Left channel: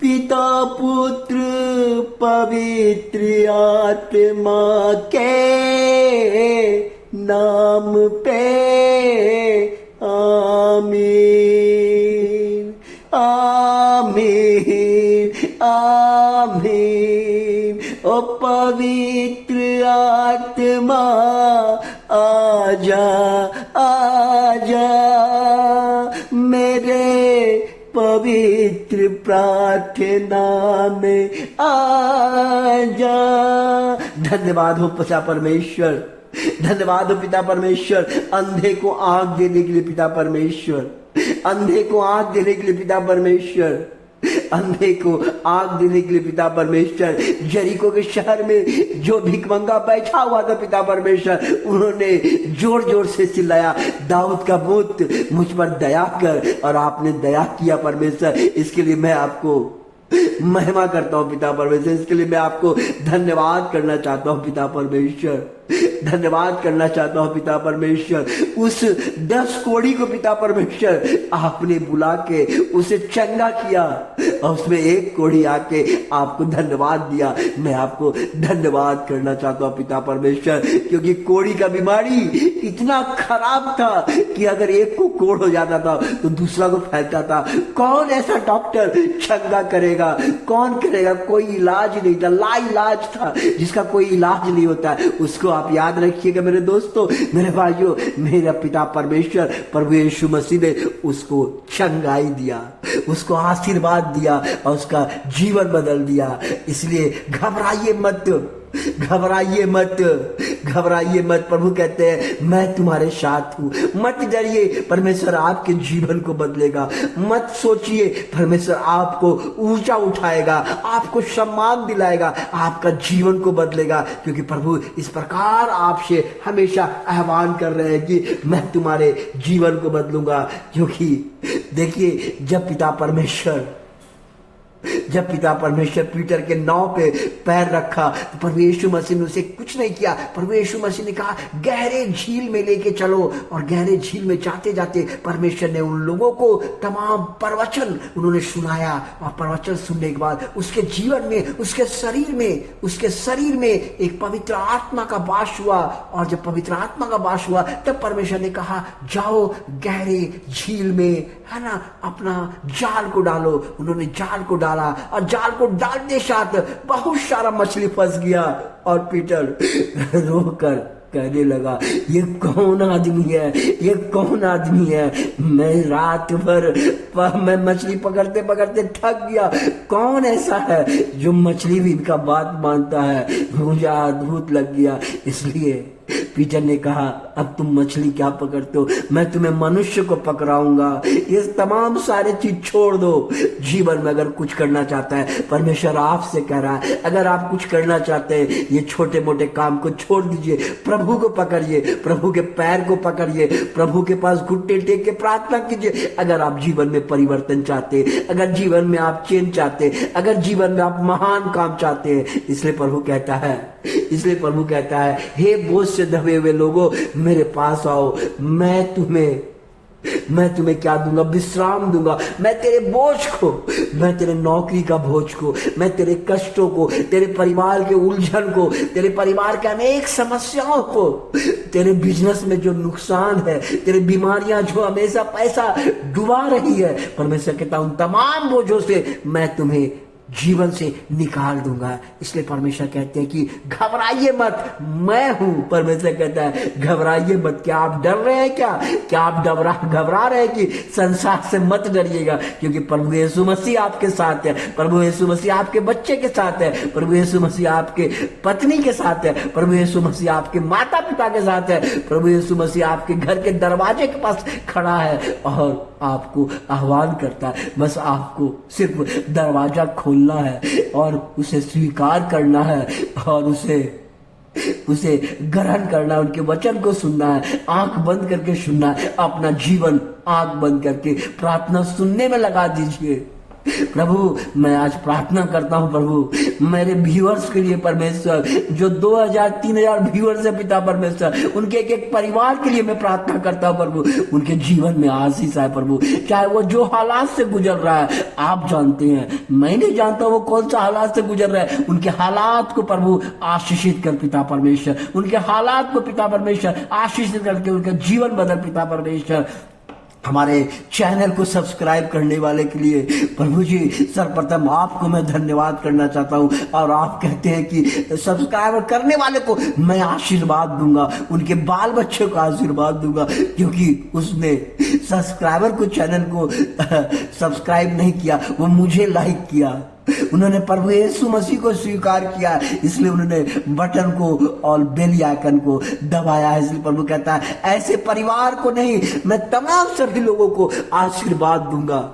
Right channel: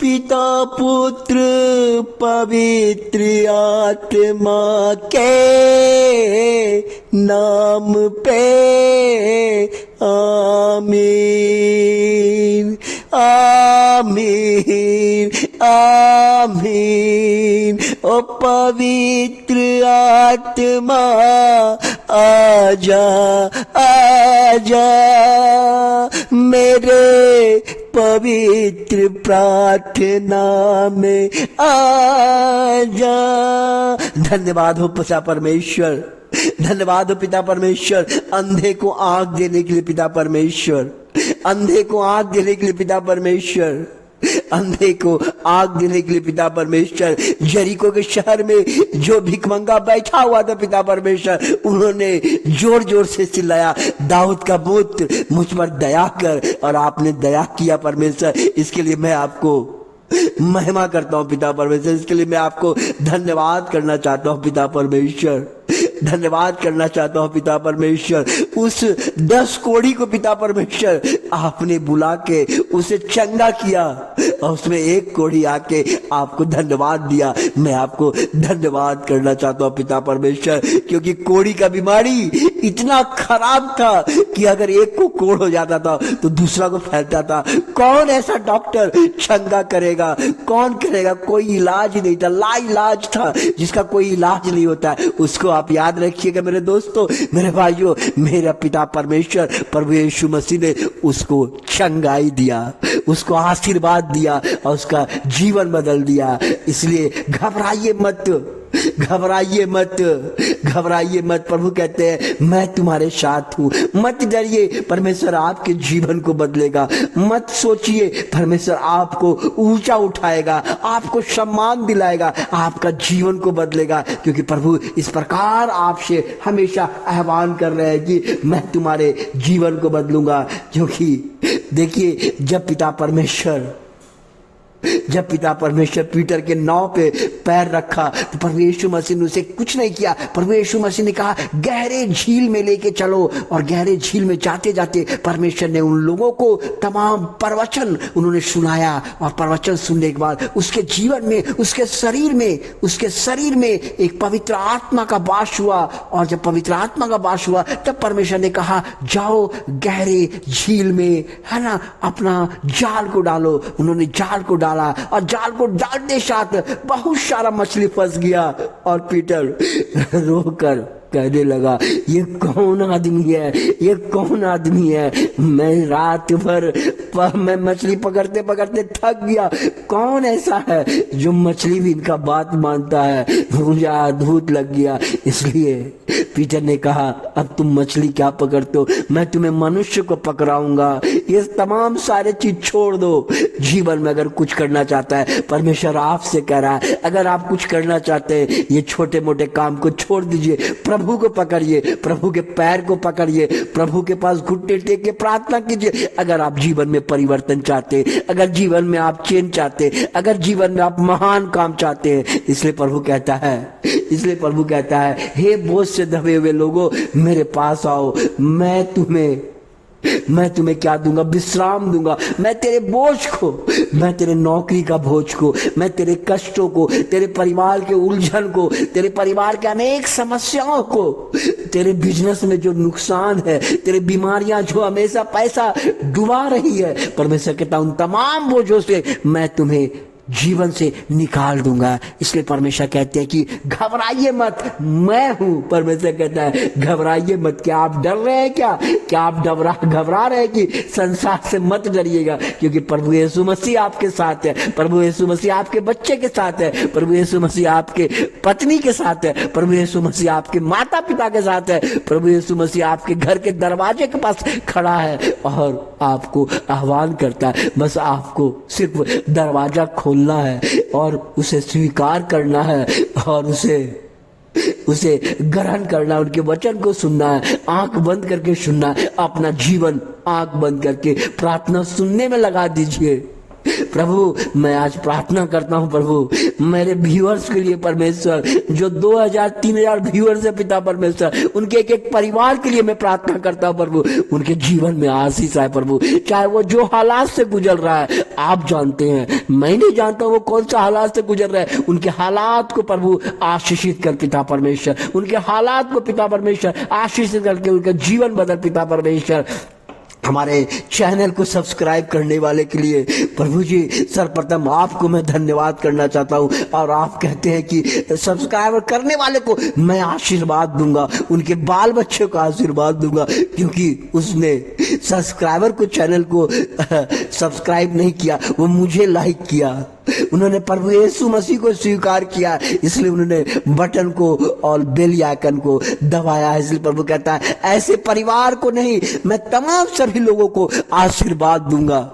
पिता पुत्र पवित्र आत्मा के नाम पे आमीन आमीन आमीन। ओ पवित्र आत्मा आजा आजा मेरे पवित्र प्रार्थना में आजा। धन्यवाद हो पिता परमेश्वर, धन्यवाद हो पिता परमेश्वर। अंधे को आंख देने के लिए पिता परमेश्वर, अंधे को आंख देने के लिए पिता परमेश्वर, अंधे को आग देने के लिए पिता परमेश्वर। यरीको के शहर में जो भिखमंगा बैठा हुआ था पिता परमेश्वर, उन्होंने जोर जोर से चिल्लाया, दाऊद का पुत्र मुझ पर दया कर, और आपने दया किया परमेश्वर। इसके लिए मैं आपको महिमा करता हूं पिता परमेश्वर, इसके लिए मैं आपको धन्यवाद करना चाहता हूं पिता परमेश्वर, धन्यवाद करना चाहता हूं पिता परमेश्वर। उस 10 कोढ़ी को पिता परमेश्वर आपने बुला के उसे चंगा किया, और उसमें 1 कोढ़ी आके आपको धन्यवाद दिया। मैं आपको धन्यवाद करना चाहता हूं पिता परमेश्वर, क्योंकि कोढ़ी का बीमारी इतना खराब था कि अगर एक को कोढ़ हो जाता था तो दूसरा को फैलता था। कौन ऐसा डॉक्टर चंगा करेगा, कौन करेगा? कोई इलाज नहीं था, लाइलाज था, जिसका कोई इलाज नहीं होता। उसको आप याद रखिएगा मेरे दोस्तों, मेरे भाइयों, मेरा पिता परमेश्वर प्रभु यीशु मसीह ने उसको चंगाई दिया, उसको आशीर्वाद दिया और उसका जीवन बदल दिया। इसलिए घबराइए मत, घबराइए मत, घबराइए मत। प्रभु कहते हैं मैं तुम्हारे साथ हूं, मत डरिए, परमेश्वर आपके जीवन को बदलेगा। मत सोचिए, परमेश्वर आपको ऊंचा उठाएगा, आपको सम्मान दिलाएगा, आपका जीवन को बदलेगा, क्योंकि प्रभु इस प्रकार आपसे हमेशा आह्वान कर रहे हैं कि मैं तुम्हारे जीवन को बदलूंगा। क्योंकि देखिए, जब पिता परमेश्वर पीटर के नाव पे पैर रखा तो प्रभु यीशु मसीह ने उसे कुछ नहीं किया। प्रभु यीशु मसीह ने कहा गहरे झील में लेके चलो, और गहरे झील में जाते जाते परमेश्वर ने उन लोगों को तमाम प्रवचन उन्होंने सुनाया, और प्रवचन सुनने के बाद उसके जीवन में, उसके शरीर में एक पवित्र आत्मा का वास हुआ। और जब पवित्र आत्मा का वास हुआ तब परमेश्वर ने कहा जाओ गहरे झील में, है ना, अपना जाल को डालो। उन्होंने जाल को डाला, और जाल को डालते साथ बहुत सारा मछली फंस गया, और पीटर रोकर कहने लगा ये कौन आदमी है, ये कौन आदमी है? मैं रात भर मैं मछली पकड़ते पकड़ते थक गया, कौन ऐसा है जो मछली भी इनका बात मानता है? मुझे अद्भुत लग गया। इसलिए पीटर ने कहा अब तुम मछली क्या पकड़ते हो, मैं तुम्हें मनुष्य को पकड़ाऊंगा। ये तमाम सारे चीज छोड़ दो। जीवन में अगर कुछ करना चाहता है, परमेश्वर आपसे कह रहा है, अगर आप कुछ करना चाहते हैं, ये छोटे मोटे काम को छोड़ दीजिए, प्रभु को पकड़िए, प्रभु के पैर को पकड़िए, प्रभु के पास घुटने टेक के प्रार्थना कीजिए। अगर आप जीवन में परिवर्तन चाहते हैं, अगर जीवन में आप चेंज चाहते हैं, अगर जीवन में आप महान काम चाहते हैं, इसलिए प्रभु कहता है हे बोझ से दबे हुए लोगों मेरे पास आओ, मैं तुम्हें क्या दूंगा? विश्राम दूंगा। मैं तेरे बोझ को, मैं तेरे नौकरी का बोझ को, मैं तेरे कष्टों को, तेरे परिवार के उलझन को, तेरे परिवार के अनेक समस्याओं को, तेरे बिजनेस में जो नुकसान है, तेरे बीमारियां जो हमेशा पैसा डुबा रही है, परमेश्वर कहता उन तमाम बोझों से मैं तुम्हें जीवन से निकाल दूंगा। इसलिए परमेश्वर कहते हैं कि घबराइए मत, मैं हूं। परमेश्वर कहता है घबराइए मत। क्या आप डर रहे हैं? क्या आप घबरा रहे हैं कि संसार से मत डरिएगा, क्योंकि प्रभु यीशु मसीह आपके साथ है, प्रभु यीशु मसीह आपके बच्चे के साथ है, प्रभु यीशु मसीह आपके पत्नी के साथ है, प्रभु यीशु मसीह आपके माता पिता के साथ है, प्रभु यीशु मसीह आपके घर के दरवाजे के पास खड़ा है और आपको आह्वान करता है। बस आपको सिर्फ दरवाजा खोलना है और उसे स्वीकार करना है और उसे ग्रहण करना है, उनके वचन को सुनना है, आंख बंद करके सुनना है। अपना जीवन आंख बंद करके प्रार्थना सुनने में लगा दीजिए। प्रभु मैं आज प्रार्थना करता हूं प्रभु मेरे व्यूअर्स के लिए परमेश्वर, जो 2000-3000 व्यूअर्स है पिता परमेश्वर, उनके एक एक परिवार के लिए मैं प्रार्थना करता हूं प्रभु, उनके जीवन में आशीष आए प्रभु। चाहे वो जो हालात से गुजर रहा है आप जानते हैं, मैं नहीं जानता वो कौन सा हालात से गुजर रहा है, उनके हालात को प्रभु आशीषित कर पिता परमेश्वर, उनके हालात को पिता परमेश्वर आशीषित करके उनका जीवन बदल पिता परमेश्वर। हमारे चैनल को सब्सक्राइब करने वाले के लिए प्रभु जी सर्वप्रथम आपको मैं धन्यवाद करना चाहता हूं, और आप कहते हैं कि सब्सक्राइब करने वाले को मैं आशीर्वाद दूंगा, उनके बाल बच्चों को आशीर्वाद दूंगा, क्योंकि उसने सब्सक्राइबर को चैनल को सब्सक्राइब नहीं किया, वो मुझे लाइक किया, उन्होंने प्रभु यीशु मसीह को स्वीकार किया, इसलिए उन्होंने बटन को और बेल आइकन को दबाया है। इसलिए प्रभु कहता है ऐसे परिवार को नहीं, मैं तमाम सभी लोगों को आशीर्वाद दूंगा,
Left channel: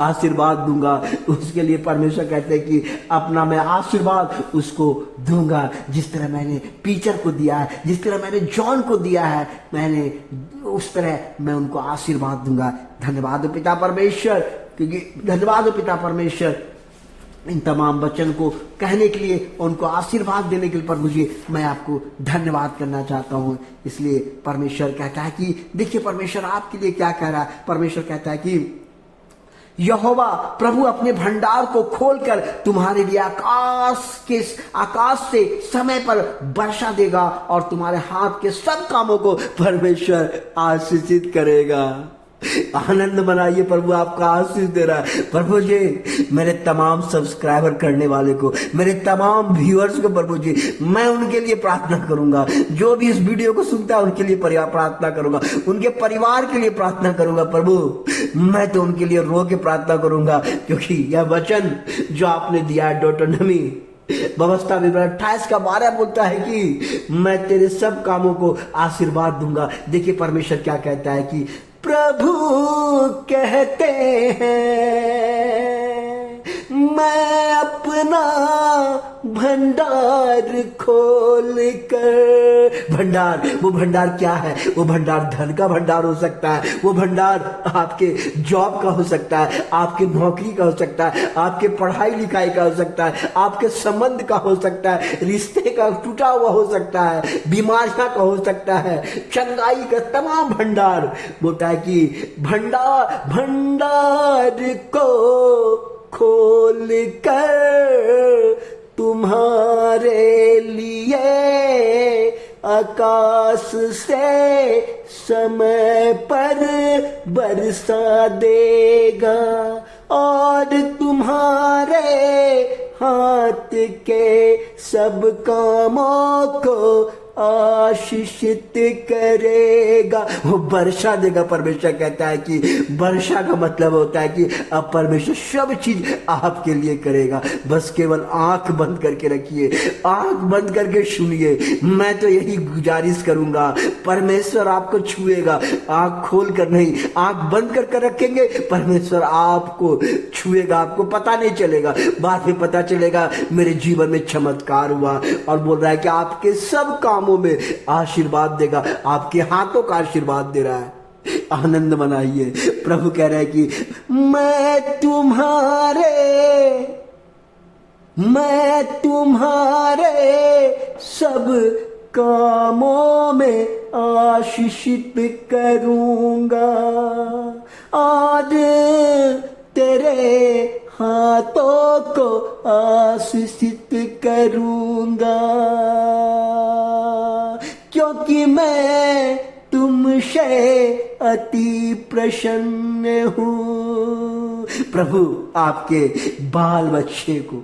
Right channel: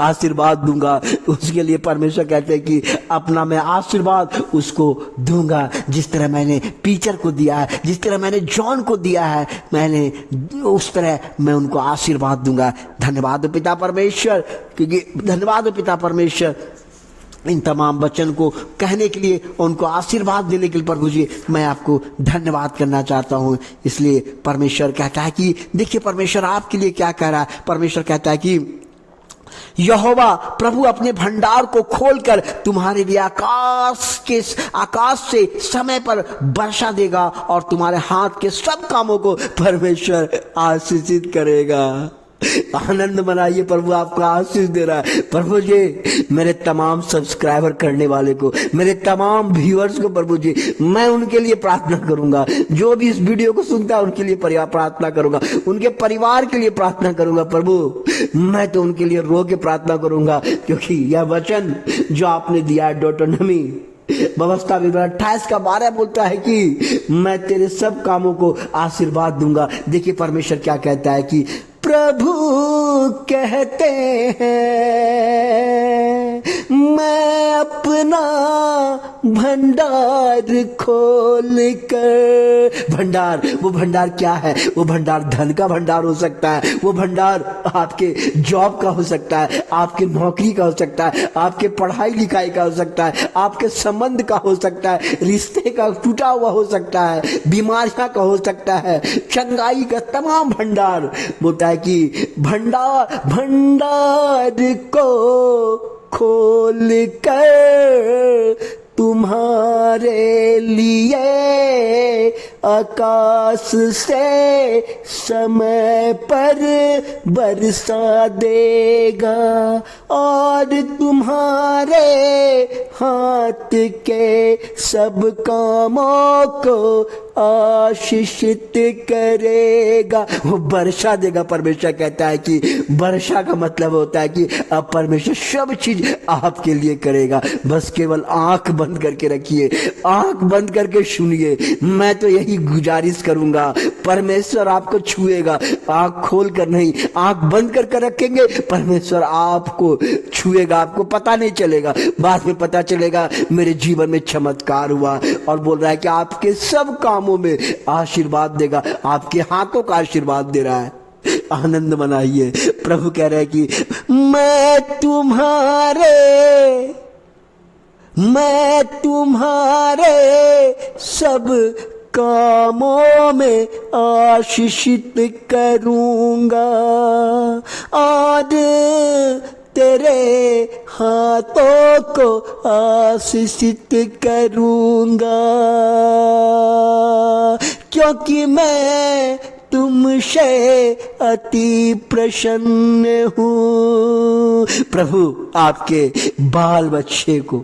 आशीर्वाद दूंगा। उसके लिए परमेश्वर कहते हैं कि अपना मैं आशीर्वाद उसको दूंगा, जिस तरह मैंने पीटर को दिया है, जिस तरह मैंने जॉन को दिया है, मैंने उस तरह मैं उनको आशीर्वाद दूंगा। धन्यवाद पिता परमेश्वर, क्योंकि धन्यवाद पिता परमेश्वर इन तमाम वचन को कहने के लिए, उनको आशीर्वाद देने के लिए प्रभु जी मैं आपको धन्यवाद करना चाहता हूं। इसलिए परमेश्वर कहता है कि देखिए परमेश्वर आपके लिए क्या कह रहा है। परमेश्वर कहता है कि यहोवा प्रभु अपने भंडार को खोलकर तुम्हारे लिए आकाश से समय पर वर्षा देगा और तुम्हारे हाथ के सब कामों को परमेश्वर आशीषित करेगा। आनंद मनाइए, प्रभु आपको आशीष दे रहा है। प्रभु जी मेरे तमाम सब्सक्राइबर करने वाले को, मेरे तमाम व्यूअर्स को प्रभु जी मैं उनके लिए प्रार्थना करूंगा, जो भी इस वीडियो को सुनता है उनके लिए प्रार्थना करूंगा, उनके परिवार के लिए प्रार्थना करूंगा। प्रभु मैं तो उनके लिए रो के प्रार्थना करूंगा, क्योंकि यह वचन जो आपने दिया है deuteronomy व्यवस्था विवरण 28 का 12 बोलता है कि मैं तेरे सब कामों को आशीर्वाद दूंगा। देखिए परमेश्वर क्या कहता है कि प्रभु कहते हैं मैं अपना भंडार खोल कर, भंडार वो भंडार क्या है? वो भंडार धन का भंडार हो सकता है, वो भंडार आपके जॉब का हो सकता है, आपके नौकरी का हो सकता है, आपके पढ़ाई लिखाई का हो सकता है, आपके संबंध का हो सकता है, रिश्ते का टूटा हुआ हो सकता है, बीमारियां का हो सकता है, चंगाई का तमाम भंडार। बोलता है कि भंडार को खोल कर तुम्हारे लिए आकाश से समय पर बरसा देगा और तुम्हारे हाथ के सब कामों को आशीषित करेगा। वो वर्षा देगा। परमेश्वर कहता है कि वर्षा का मतलब होता है कि अब परमेश्वर सब चीज आपके लिए करेगा। बस केवल आंख बंद करके रखिए, आंख बंद करके सुनिए। मैं तो यही गुजारिश करूंगा, परमेश्वर आपको छुएगा। आंख खोल कर नहीं, आंख बंद करके रखेंगे, परमेश्वर आपको छुएगा। आपको पता नहीं चलेगा, बाद में पता चलेगा मेरे जीवन में चमत्कार हुआ। और बोल रहा है कि आपके सब कामों में आशीर्वाद देगा, आपके हाथों का आशीर्वाद दे रहा है। आनंद मनाइए। प्रभु कह रहे हैं कि मैं तुम्हारे सब कामों में आशीषित करूंगा और तेरे हाथों को आशीषित करूंगा, क्योंकि मैं तुमसे अति प्रसन्न हूँ। प्रभु आपके बाल बच्चे को,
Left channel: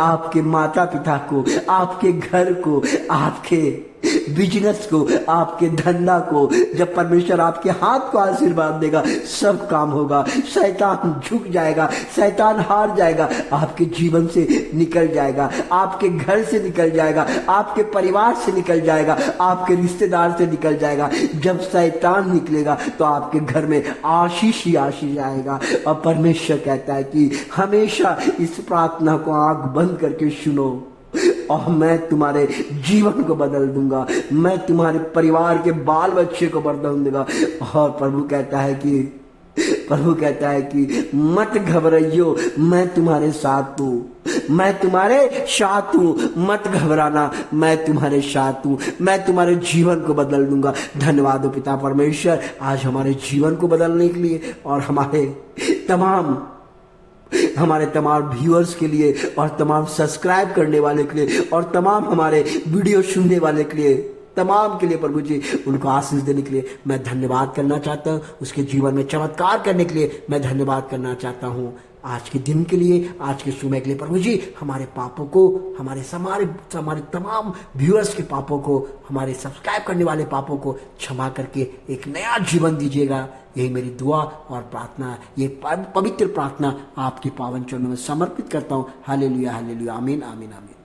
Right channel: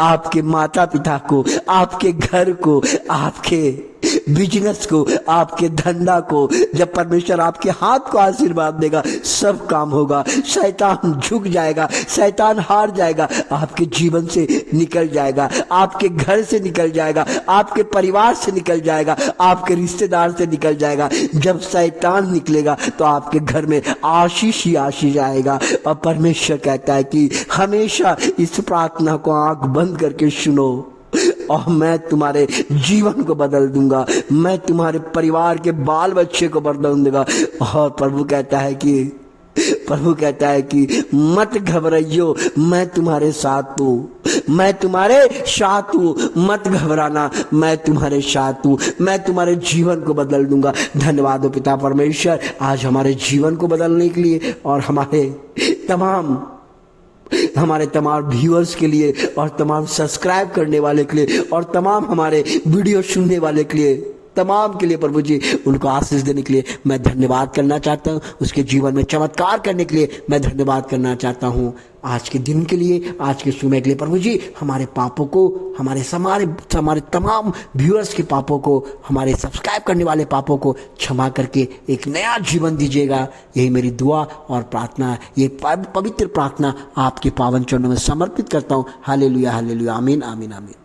आपके माता पिता को, आपके घर को, आपके बिजनेस को, आपके धंधा को, जब परमेश्वर आपके हाथ को आशीर्वाद देगा सब काम होगा। शैतान झुक जाएगा, शैतान हार जाएगा, आपके जीवन से निकल जाएगा, आपके घर से निकल जाएगा, आपके परिवार से निकल जाएगा, आपके रिश्तेदार से निकल जाएगा। जब शैतान निकलेगा तो आपके घर में आशीष ही आशीष आएगा। और परमेश्वर कहता है कि हमेशा इस प्रार्थना को आंख बंद करके सुनो और मैं तुम्हारे जीवन को बदल दूंगा, मैं तुम्हारे परिवार के बाल बच्चे को बदल दूंगा। और प्रभु कहता है कि प्रभु कहता है कि मत घबराइयो, मैं तुम्हारे साथ हूँ, मैं तुम्हारे साथ हूँ, मत घबराना, मैं तुम्हारे साथ हूँ, मैं तुम्हारे जीवन को बदल दूंगा। धन्यवाद हो पिता परमेश्वर आज हमारे जीवन को बदलने के लिए और हमारे तमाम व्यूअर्स के लिए और तमाम सब्सक्राइब करने वाले के लिए और तमाम हमारे वीडियो सुनने वाले के लिए, तमाम के लिए प्रभु जी उनको आशीष देने के लिए मैं धन्यवाद करना चाहता हूँ। उसके जीवन में चमत्कार करने के लिए मैं धन्यवाद करना चाहता हूँ। आज के दिन के लिए, आज के समय के लिए प्रभु जी हमारे पापों को, हमारे तमाम व्यूअर्स के पापों को, हमारे सब्सक्राइब करने वाले पापों को क्षमा करके एक नया जीवन दीजिएगा। यही मेरी दुआ और प्रार्थना है। ये पवित्र प्रार्थना आपके पावन चरणों में समर्पित करता हूँ। हालेलुया, हालेलुया, आमीन, आमीन, आमीन।